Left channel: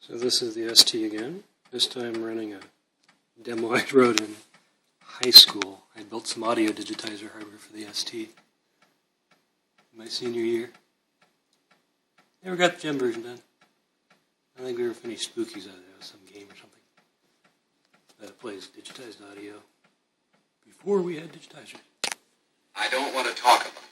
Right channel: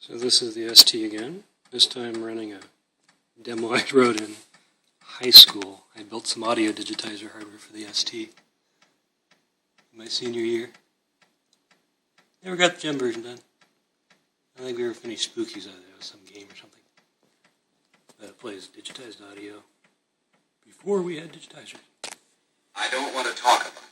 So this is the ST again. This time running a demo I wrote in high school. I built some audio digitizer hardware for the ST in my senior year. Never got the gem version done. I think we were finished Spookies out of there, some game or something. That plays digitized audio before we had digitizers. I don't want to talk about it.